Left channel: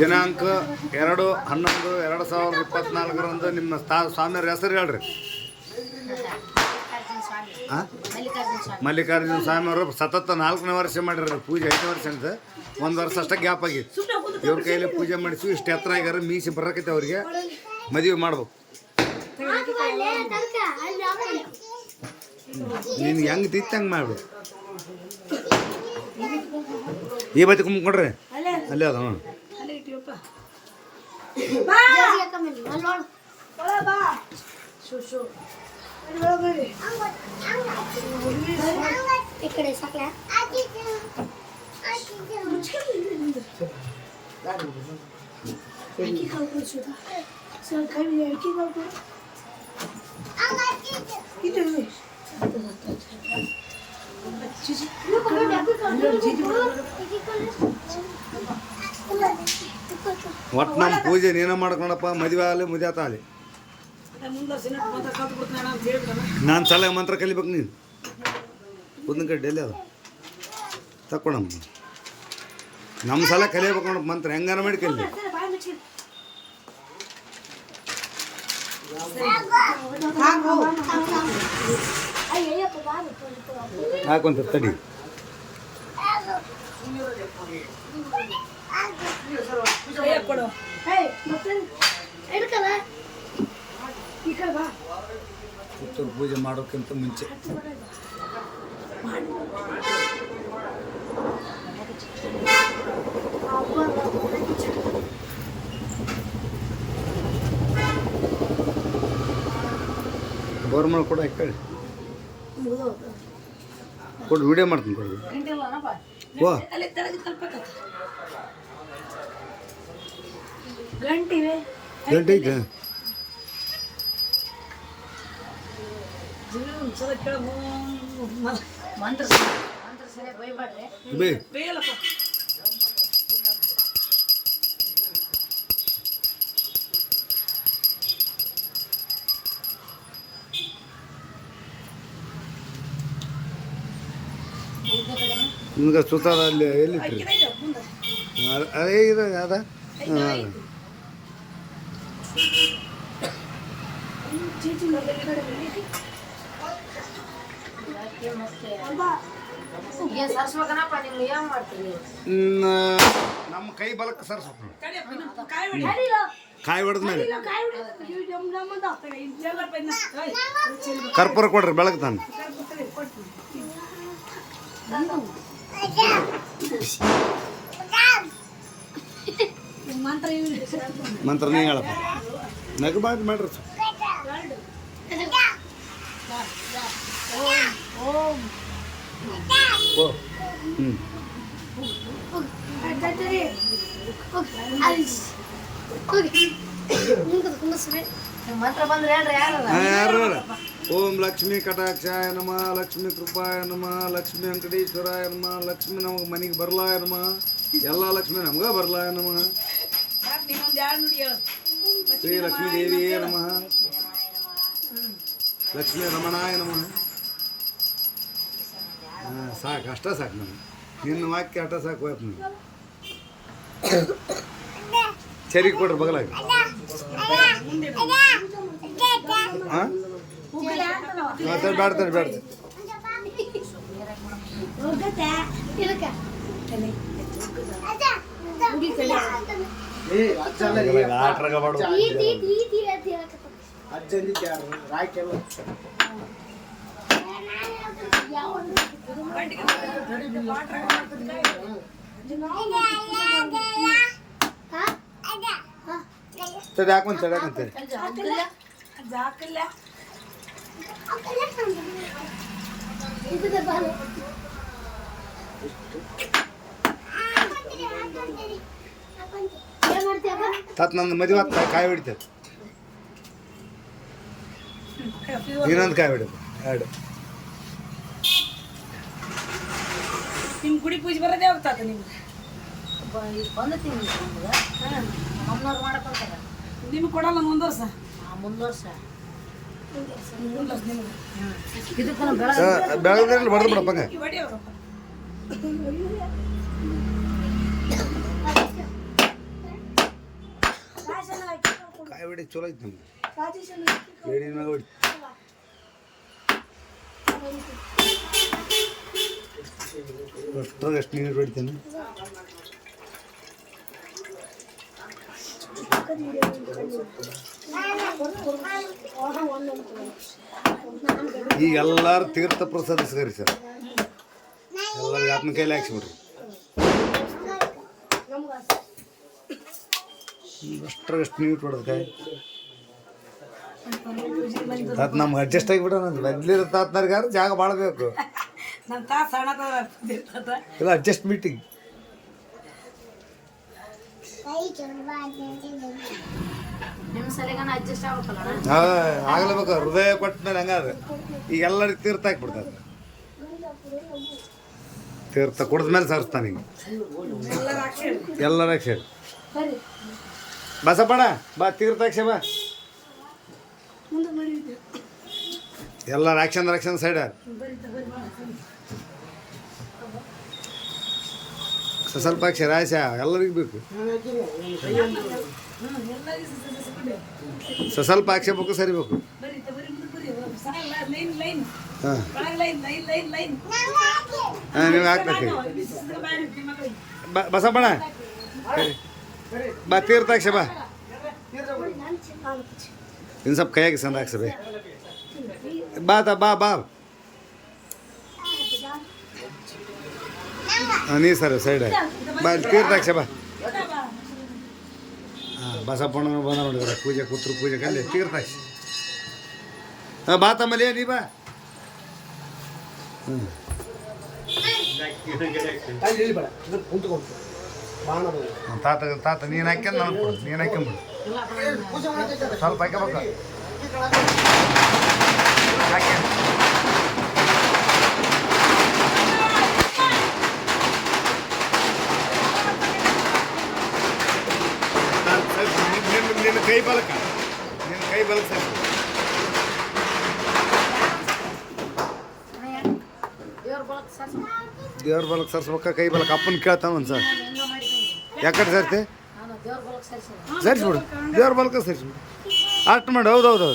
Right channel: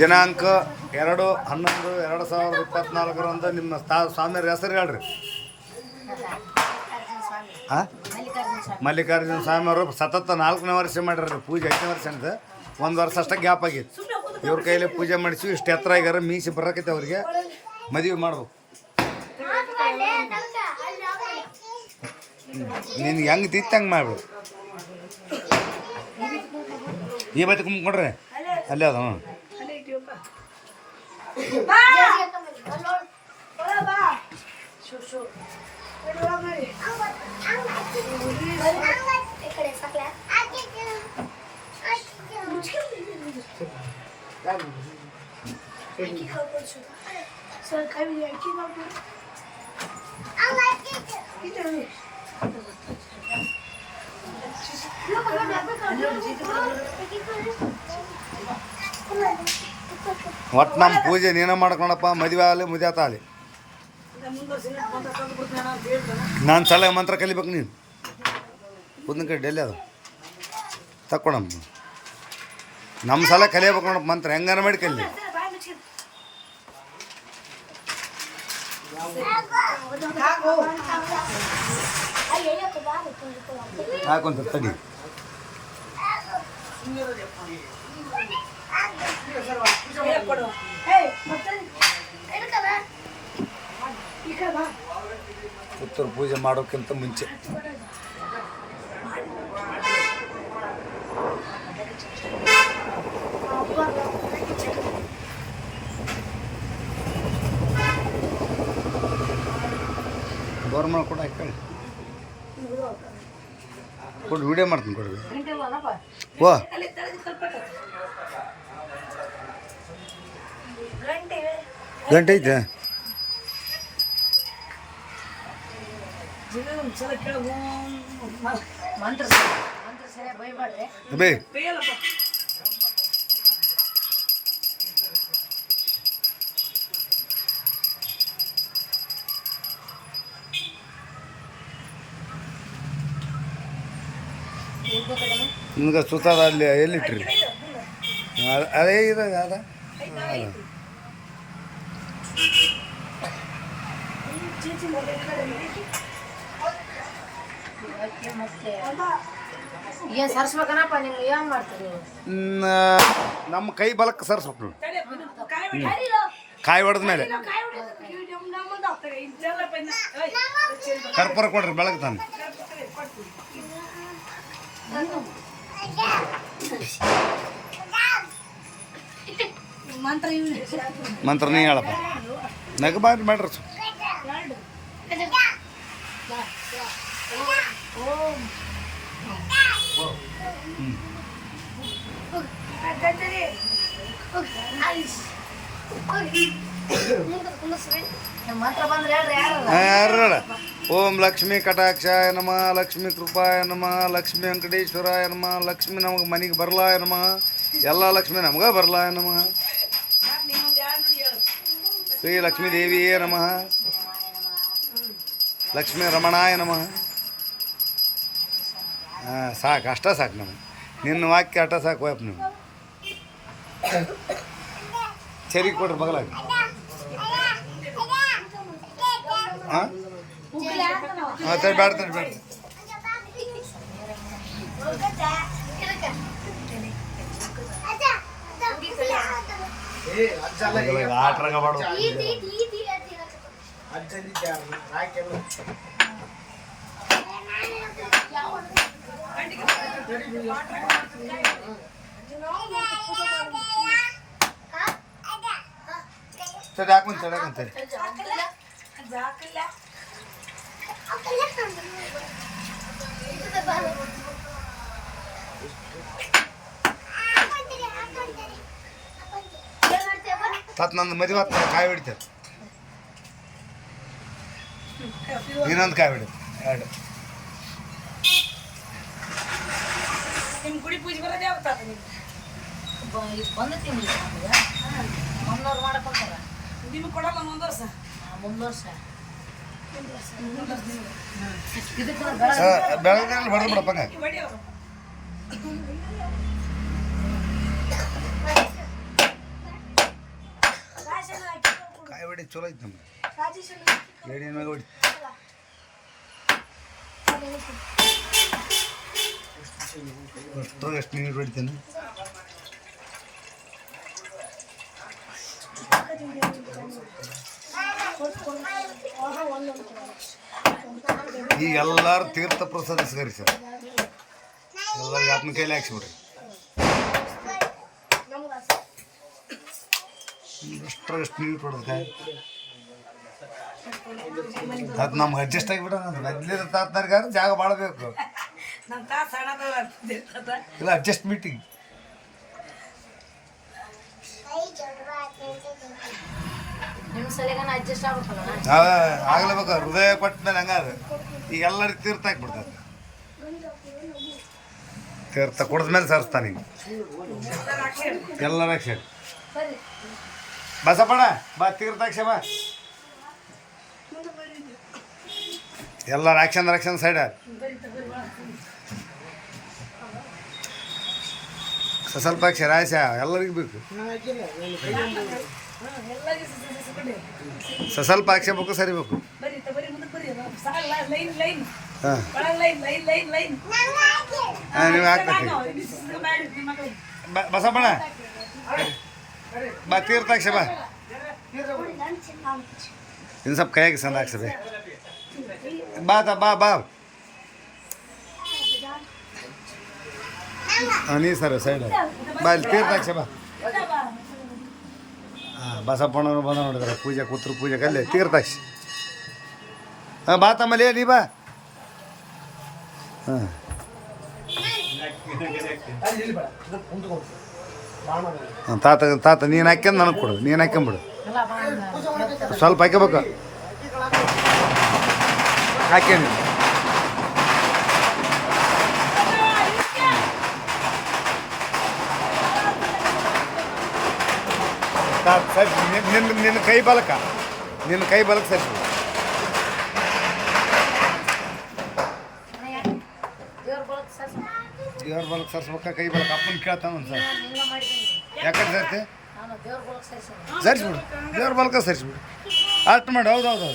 ದಿನಾಂಕ 2/11/2024 ನಿಮ್ಮ ಸ್ವಾಮಿಯವ್ರ ಹೆಸರು ಹೇಳ್ರಿ. ಹಾಂ, ಮಲ್ಲಿಕಾರ್ಜುನ ಸ್ವಾಮಿ ಅವರು ಸತತ 4ನೇ ವರ್ಷ ಮಾಡಿರಿ ಪೂಜೆ. 5ನೇ ವರ್ಷ ಏನಿದೆ, 1 ವರ್ಷ ಅಷ್ಟೇ ಗ್ಯಾಪ್ ಆಗಿತ್ತು. ಇವ್ರ ಕೈಯಲ್ಲಿ ಪೂಜೆ ಮಾಡಿಸಿ ಇಷ್ಟು ಎತ್ತರ ಆಗ್ಯಾರ. ಮೀಸಿ ಬರಕೈತೆ ಅವ್ರಿಗೆ. ಮದುವೆ ಮಾಡ್ಬೇಕು. ನಿನ್ಗೆ ಹೆಂಗೆ ತಿತ್ತು ಹಂಗೆ ಮಾಡ್ಬೇಕು. ಈ ಬತ್ತಿ ಕುಂಬ್ಕೊಂಡ್ರಿ ಅಲ್ಲೇ ಅದ. ಒಟ್ಟು ನಮ್ಮ ಪೂಜೆ ನೀನು ಮಾಡ್ಕೊಳಪ್ಪ. ಮದುವೆ ಆಗಲಿ ಮುದ್ಯಾತ ಆಗಲಿ. ನಾನು ಸಲ ಮಂತ್ರ ಕಲಿಬೇಕು. ನೀನು ಒಂದ್ ಕಡೆ ಡೆಲ್ಲಿ ಅದ ತಕ್ಕೊಳಮ್ಮ. ನಮ್ಮ ಸಲ ಕಲಿಯಬೇಕು ನೋಡಪ್ಪ ಮಂತ್ರ. ಹೆಂಗಾರ ಮಾಡಿ ಕಲಿ. ಹಾಕೊಂತ ತಡಿ. ಉತ್ತರ ಪೂಜೆ ಮಾಡೋಕ್ಕಿಂತ ಮುಂಚೆ ಬೋರ್ಮಲ್ ಕೂಡ ಹಾಕಿ ಕೊಡು. ವಿಡಿಯೋ ಮಾಡ್ತೀನಿ ಕೊಡ್ರಿ. ಓ ಗಂಟೆ ಐತೆ. ಬೇ ನಿಮ್ಗೆ ಸುತ್ತದ ಅಲ್ಲಿ ಎಲ್ಲಿಟ್ರಿ? ಅದೇ ಇದು ಅದ. ಅದ ನಮ್ಮ ಕೈ ಬಲಕ್ಕೆ ಸರ್ಸ್ಬೇಕು. ಕಾಯಿ ಹೊಡೆದ ಮೇಲೆ ಕರ್ಪೂರ ಕೊಡ್ರಿ ಬೆಳಗ್ಗೆ ತಾನೆ. ಮಂತ್ರ ನೀ ಹೇಳಪ್ಪ. ನಗಬಾರ್ದು ಮಾಡ್ರಿ. ಓಂ ಲಕ್ಷ್ಮೀ ಕಟಾಕ್ಷಾಯ ನಮಃ, ಲಕ್ಷ್ಮೀ ಕೃಪಾಯ ನಮಃ, ಲಕ್ಷ್ಮೀ ವೆಂಕಟೇಶ್ವರಾಯ ನಮಃ, ಲಕ್ಷ್ಮೀ ನಮಗೆ ಮನೆಗೆ ಬರಲಾಯ ನಮಃ, ಎಲ್ಲ ಲಕ್ಷ್ಮೀ ನಮ್ಗೆ ಬರಲಾಯ ನಮಃ, ಶ್ರೀ ಲಕ್ಷ್ಮೀ ದೇವಿಯೇ ನಮಃ, ಲಕ್ಷ್ಮೀ ರಮಣಾಯ ನಮಃ. ಹಾಂ ಸಾಕು, ಅಷ್ಟ ಸಾಕು. ನಮಗೆ ನಿನ್ನ ವಾಕ್ಯ ಅಷ್ಟ ಸಾಕು. ವಯಪ್ಪ ನೀವು ಸರಿ ಕೊಡ್ರಿ ಬಗಲಾಗ. ಹಾಂ ತಡಿ ಬೇಡ ತಡಿ ಬೇಡ. ಆಟ್ರಾಗ ಮಾಡು. ತಡಿ ಹಾಕೊಂತೇಳಿ ತತ್ ನಂದು ಮದುವೆ ಹತ್ತ ಕಾಯಿ ಹೊಡಿತೈತೆ. ಇನ್ನೊಂದು ಕಾಯಿ ಹೊಡಿ. ಎರಡು ನಿಮ್ಮ ಗುಡಿ ಪೂಜೆ ಬರೋದೇ ಆಗ್ತದ. ನಿಮ್ಗೆ ಬಂದತೀನಿ ಮುನ್ನೂರು ಮಾಡ್ಕೊಂತಾರ. ನಿಮ್ಗೆ ಕೊಡಲ್ಲ ಮುಂದೆ ವರ್ಷ. 3 ವರ್ಷ ಬೆಳಗ್ಗೆ ಬಡ್ದು ಬಿಡಪ್ಪಂಗ. ಹೊಡಿ ಚಲೋ ಐತೆ ನಮ್ಗೆ ಏಡಿನ ಮ್ಯಾಗ ಹೊಡಿ ಎಷ್ಟು ನೀರು ಹೊಡಿತೇನೆ ಈಗ ಎಲ್ಲರೂ ತೀರ್ಥ ಪ್ರಸಾದ ಸರಿ ಸರ್ ಎಲ್ಲರಿಗೆ ಆತ್ಮ ಕೈಲಿ ಹಾಕ್ಸಿಬಿಡ್ರಿ ಅಷ್ಟ್ರಾಗ ಎಷ್ಟು ನೀರು ಕೊಡೋದಕ್ಕೆ ಅದು ನಮ್ಗೆ ಅಡ್ಜಸ್ಟ್ ಆಗಿಬಿಡೋಣ ಮೊದ್ಲಿರೋ ತಾತನರ್ಗಾರ ಜಾಗ ಭಾಳ ಬೇಕು ನನ್ನ ತಾ ಸಣ್ಣ ಇದು ಅಡ್ಜಸ್ಟ್ ಮೀಟಿಂಗ್ ನಿಮ್ಮ ಸಲಿಗನ ಅಡ್ಜಸ್ಟ್ ಆಗ್ಬೇಕಲ್ಲ ಆಗ್ಲೇಬೇಕು ಹೃದಯ ಕೊಟ್ಟ ಮೇಲೆ ಹಂಗಾದ್ರೆ ಈಗ ಎಲ್ಲರಿಗೆ ತೀರ್ಥ ಹಾಕ್ಬಿಡ್ತಾರೆ ತೀರ್ಥ ಕುಡಿದ್ಮೇಲೆ ಸರ್ಸ್ತಾನೆ ಈಗ ಎಲ್ಲರ ಹಾಕ್ಸೇಳಿ ಬಸಪ್ಪಣ ಬಾ ತೀರ್ಥ ಹಾಕ್ಸ ಬಾ ಎಲ್ಲರ ಆಕ್ಷನ್ ಸೈಡ್ ಸ್ವಲ್ಪ ಹಾಕ್ಸ್ಯಾರ ಆಯ್ಸ ಎಲ್ಲರಿಗೂ ಬೇಕು ಸ್ವಲ್ಪ ಹಾಕ್ಸಬೇಕು ಸರಿಬೇಕು ಹಾಂ ಹಾಂ ನೀವು ಹಾಕ್ಬೇಕು ಬಸಪ್ಪಣ ಬಾ ತೀರ್ಥ ಹಾಕ್ಸ ಬಾ ಇನ್ನು ಸ್ವಲ್ಪ ಕೈಯಾಗಿ ಸಂದ ಹಾಕ್ಸಬೇ ಬಾ ಬಾ ಹಾಂ ನೀ ಸರ್ ಸೈಡ್ ಬಾ ಇಲ್ಲಿ ತೀರ್ಥ ಹಾಕ್ಸ ಬಾ ಹಾಂ ಬಸಪ್ಪಣ್ಣನು ಬಂದ ನೋಡಿದಾರೆ ಪೂಜೆ ಕೂತ್ರು ಪೂಜೆ ಕಲ್ಲಿ ತೀರ್ಥ ಹಾಕ್ಸಿ ಹಾಂ ಬಾ ತಮ್ಮಲ್ಲಿ ನೀ ಬಾ ಹಾಂ ತಾತ ನೀನು ಹಾಕ್ಯಂದು ನನಗೆ ಕೊಡು ನೀನು ಹಾಕ್ಯಂಬಿಡು ಸ್ವಲ್ಪ ಹಾಕ್ಯಬೇಕು ಹಾಕ್ಯಂಡು ನಿನ್ನ ಕೈ ಬಲಕ ಸರಿಸಿ ದೇವ್ರ ಬಲಕ್ಕೆ ಸರ್ಸ್ಬೇಕ ಕೈ ಬಲಕ್ಕೆ ಅಪ್ಪನ ಕೇಳ್ತಾನ ಒಂದು ಸರ್ ಯಾಕಡೆ ಸರ್ತಿ ಸರಿಸ್ಬಿಡು ದೇವ್ರ ಬಲಕ ಸರಿಸ್ಬಿಡು ಅಷ್ಟು ಮಾಡಿ ಹೌದು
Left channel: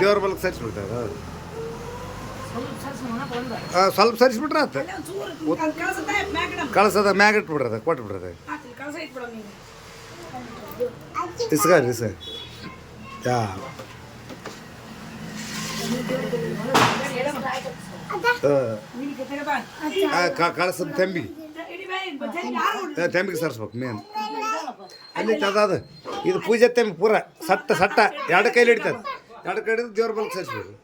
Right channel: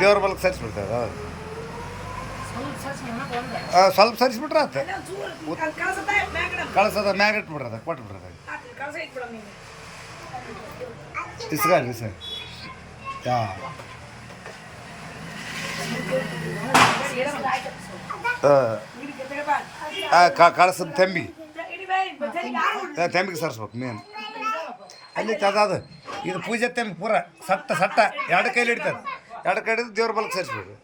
ದೇವ್ರ ಬಲಕ್ಕೆ ಸರಿಸ್ಬಿಡ್ತಾರೆ ಹೌದು ಸ್ವಲ್ಪ ಸರಿಸ್ಬಿಟ್ರೆ ಆತ ಕಳ್ಸದ ಮ್ಯಾಗ ಇಟ್ಬಿಡ್ರದ ಕೊಟ್ಬಿಡ್ರದ ಇಸ್ಗಾರಿ ಸರ್ ಕಳ್ಸದ ತೆಂಬಿಗೆ ಸರಿಸ್ಬೇಕು ಮೇನ್ ಅಲ್ಲಿ ಅದಾದ ಇದು ಪೂಜೆ ತೆಂಬಿ ಪೂರ ಸಟ್ಟ ಎರಡು ಕೈಲಿ ಹಿಡಿತಾರೆ ಎರಡು ಕೈ ಹಿಡಿದು ದೇವ್ರ ಬಲಕ್ಕೆ ಸರಿಸ್ಬಿಡ್ರಿ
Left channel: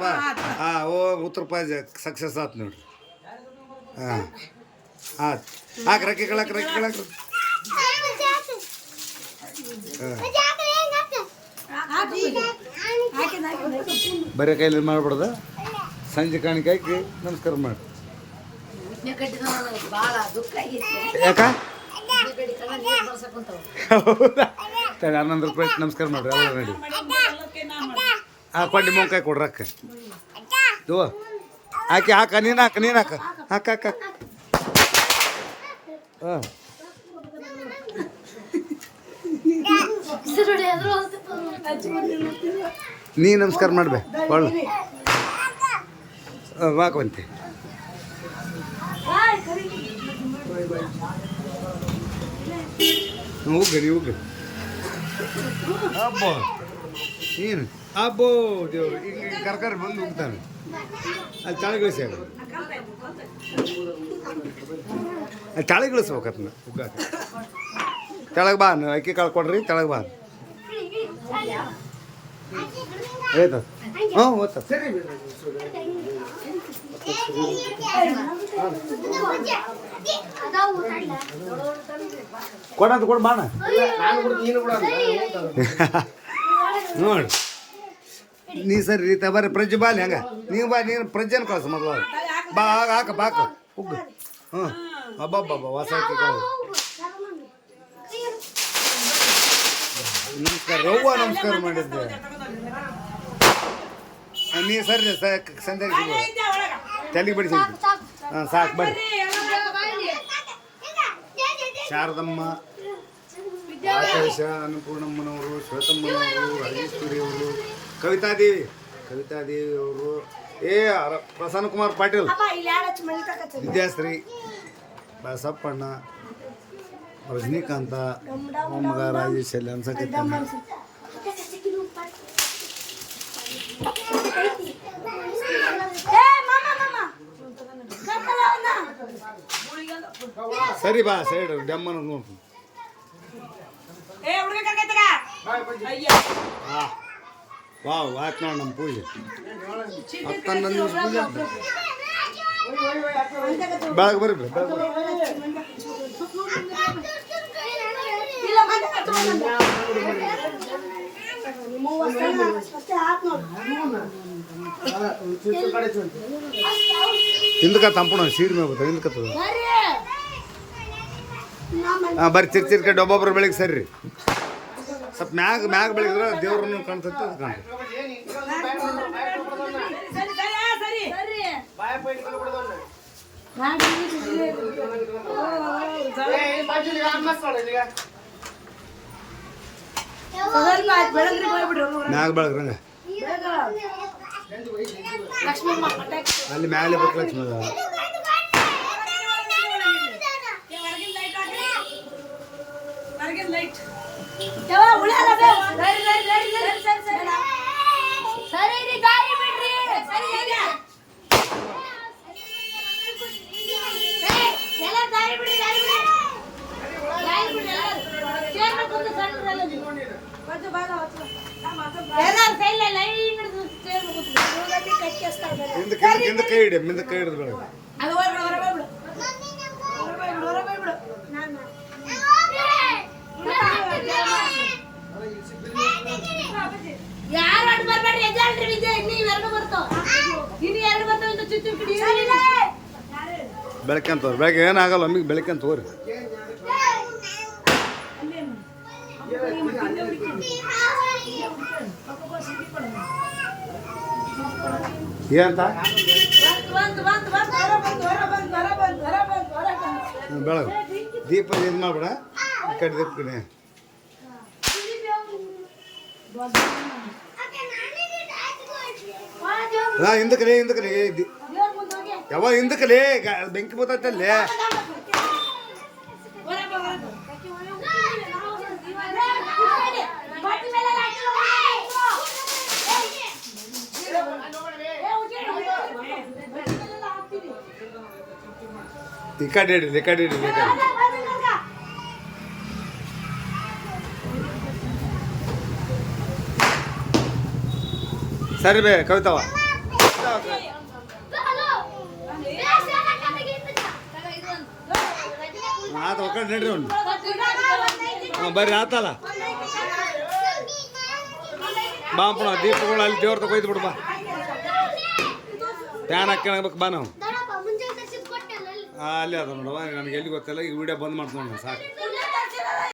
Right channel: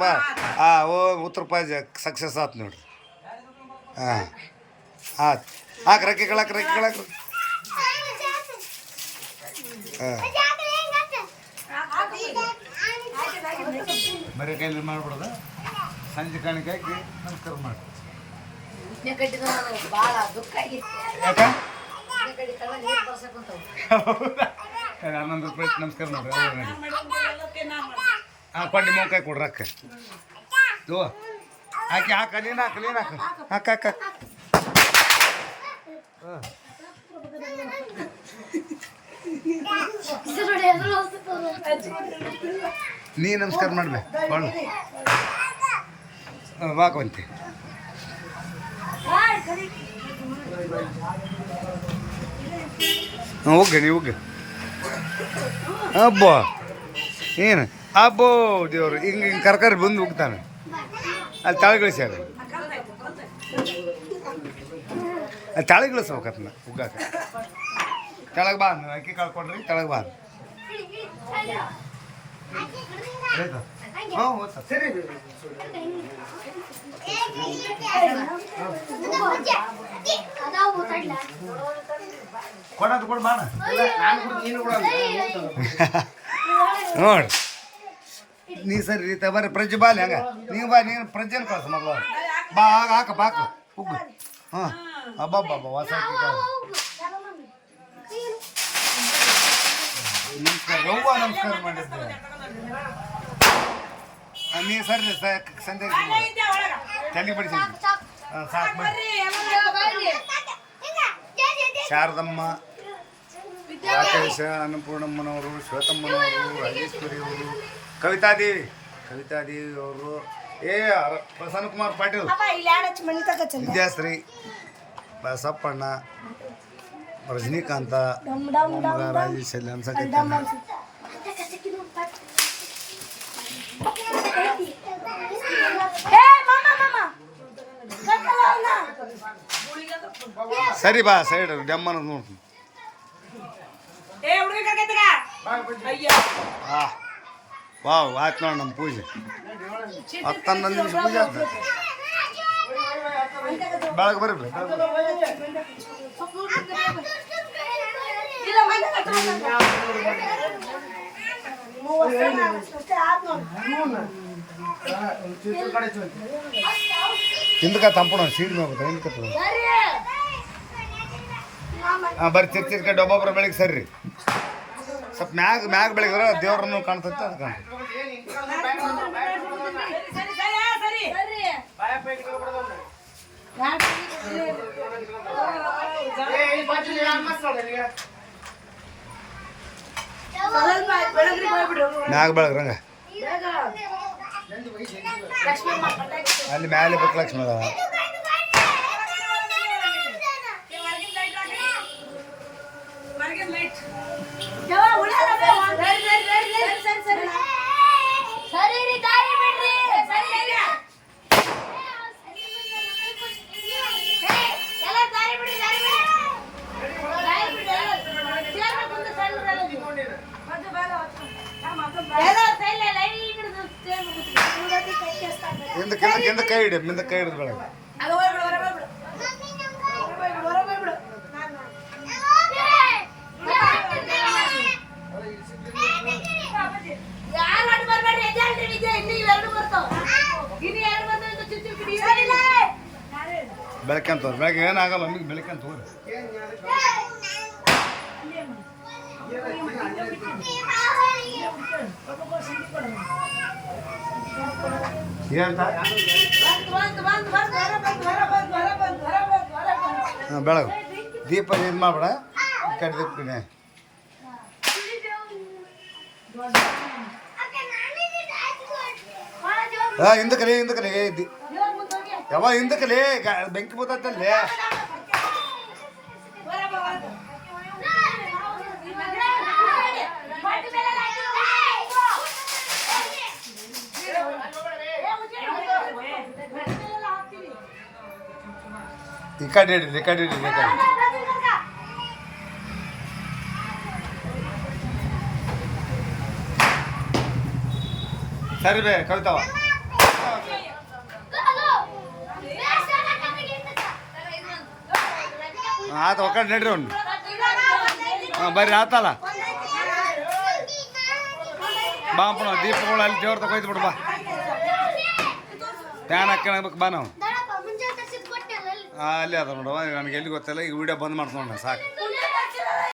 ಬಾ ಓ ಉತ್ತರ ಪಾಜ ಸಕ್ಸಸ್ ಆಯ್ತು ನೋಡ್ರಿ ಹಾಂ ಆಯ್ತು ರೆಕ್ಕೆ ಹಾಂ ಬರೀ ಕೈಲಿ ಮಾಡ್ಬಿಡ್ದ ಸಂಜೆ ಕಾಣಿಕೆ ಹಾಕಿ ನಮಸ್ಕಾರ ಮಾಡಿ ಯಾಕ ಹನ್ನೊಂದು ರೂಪಾಯಿ ನಮಸ್ಕಾರ ಮಾಡ್ರಿ ಎಲ್ಲ ನೋಡಿ ಕೊಂಡಿ ಮೊಂಕಾಯಿ ಕೊಡ್ರಿ ಅಕ್ಕ ಇವ ಹಾಕ ನೀನು ಹಾಕ ಹಾಂ ನೀ ನಮಸ್ಕಾರ ಮಾಡ್ಬೇ ಒಳ್ಳೆ ವಾಕಂತೆ ಹೋಗಿ ಅಬ್ಬೋ ಏನು ಅಬ್ಬೋ ದೇವ್ರು ಹಿಂಗೆ ಕರ್ಕರಿ ಬಂದು ಹೋಗ್ತಾನೆ ಅಲ್ಲಿ ತಳಗಿಳಿಸ್ಯಾರ ಅಲ್ಲಿ ತಳಗಿಳಿಸ್ಬೇಕತ್ನ ಉಗ್ಗಾಕ ಕೆಳಗೆ ಬಾ ಅಕ್ಕಿ ಕಾಳು ಕೊಡ್ರಿ ಕೆಳಗೆ ಬಾ ಆಯ್ತು ಹ್ಞೂ ಓದ್ತ ಕೊಡೋದು ಕೊಡು ಬಾಣ ನೋಡಿ ನೀ ಸರಿ ರೀತ ಬರ್ರಿ ಪ್ರಜ್ಜೆ ಬಾಲಿ ಹಂಗ ನೀವು ಬಾ ನೀನು ಪ್ರಜ್ಜೆನ ಕಳ್ಸ ಮೊದಲು ಬಾ ಹಾಕ ಬಾಕ ಉಗ್ಗು ಹ್ಞೂ ಅಬ್ಬಬ್ಬ ಹೊಸ ಅಕ್ಕಿ ಕಾಳು ನಮಸ್ಕಾರ ರವ್ವ ನಮಸ್ಕಾರ ಮಾಡಿದ್ದೆ ನೀ ಸರಿ ಸಂಧ್ಯಾಗ ಸಿಗ್ಬೋದು ತಲೆಗೆ ಬಡಿಸಿದ್ವಿ ಹಾಂ ಸಾಕು ಬಡಿ ಶಾರದಮ್ಮ ರಾಕೇಶ, ಅನ್ನಪೂರ್ಣಮ್ಮನವರು, ಶ್ವೇತಮ್ಮನವರು, ರಾಜೇಶ್ವರಿ ಅವರು, ಕವಿತಾದೇವಿ ಅವರು, ಪ್ರಸನ್ನ ಕುಮಾರ್ ಪಾಟೀಲ್, ವಿದ್ಯಾಶ್ರೀ, ಬಸಪ್ಪಣ್ಣ, ರಜನಿಕಾಂತ, ಮೊಮ್ಮಗ ರಾಜೇಶ್ ಅಲ್ಲಿ ಅನ್ಸಕೈತಾನೆ. ಸರಿ ಬಾ ಸೈಡ್ ಡೆಮ್ಮನ ನೋಡ್ತೀನಿ. ವಾವ್ ಆಯ್ತು ನೋಡಿ ನಮ್ಮ ಪೂಜೆ 10-11 ನಿಮಿಷ ಪೂಜೆ ಆಯ್ತು. ಬೆಳಗ್ಗೆ ಬರ್ರಿ ಹಿಂದಕ ತಂಪಣ ಸೀರೆ ಮೇಲೆ ಬರ್ತಾವೆ ಹಿಂದಕತ್ತದ. ಹಾಂ ಬರ್ರಿ ಚಿರ್ಕ ಒಬ್ಬೊಬ್ರು ಬೆಳಿಗ್ಗೆ ಸರಿ ಸ್ವಲ್ಪ ಮ್ಯಾಗ ಬೆಳಗಿದ್ರೆ ದೇವ್ರನ್ನು ಕಾಣ್ತೈತೆ ಅದು ಕಾಣ್ತೈತೆ. ಮ್ಯಾಗ ಬೆಳಗ್ರಂಗ ಅಲ್ಲಿ ಮ್ಯಾಲೆ ಬಕ್ ಲಕ್ಷ್ಮಿ ಅದ. ಹಿಂದ ಕೈ ಹಿಡಿದು ಬೆಳಗ್ಗೆ ಬೆಳಗ್ಗೆ ಅಂತ ತೋರಿ. ಬೆಳಗ್ಗೆ ಏನಾಗಲ್ಲ ನಮಗೆ ಬೆಳಗ್ಗೆ ಅಂತ ತೋರಿ. ಏನಂತ ಹಾಂ ಬೆಳಗ್ಗೆ ದೀಪ ಇದು ಮಾಡ್ಬೇಡ ಕಡೆ ದೀಪನೆ ಹಾಂ ಹಿಂದಕಲೇ ಯಾವಾಗ ಹಿಂದಕಲೇ ಬೆಂಕಿ ಬರ್ತೈತಲ್ಲೇ. ಈ ಕಡೆ ಹಿಡಿಲಿ ಸರಿ ಬೇ ಕವಿತಾವ ಆತ ಒಕ್ಕಡೆ ನಡ್ರಿ ಅವ್ನು. ಹಾಂ ಬರ್ರಿ ಆತಲ್ಲ ಬಾಪಣ ದೀಪಗಳು ಅಲ್ಲಿ ದೇವ್ರ ತಗೊಯ್ತು ಬಿಡು ಬಾ. ಫ್ಯಾನ್ ಹಾಕ್ಬೇಕು ಬಾ ನಾವು ಅಲ್ಲಿ ಅದ ನೋಡವ ನನಗೆ ಎಲ್ಲಿ ಗೊತ್ತಿಲ್ಲ. ಈ ವಿಡಿಯೋ ಬಂದ್ ಮಾಡ್ಕೊಂಡು ಸಾಕು.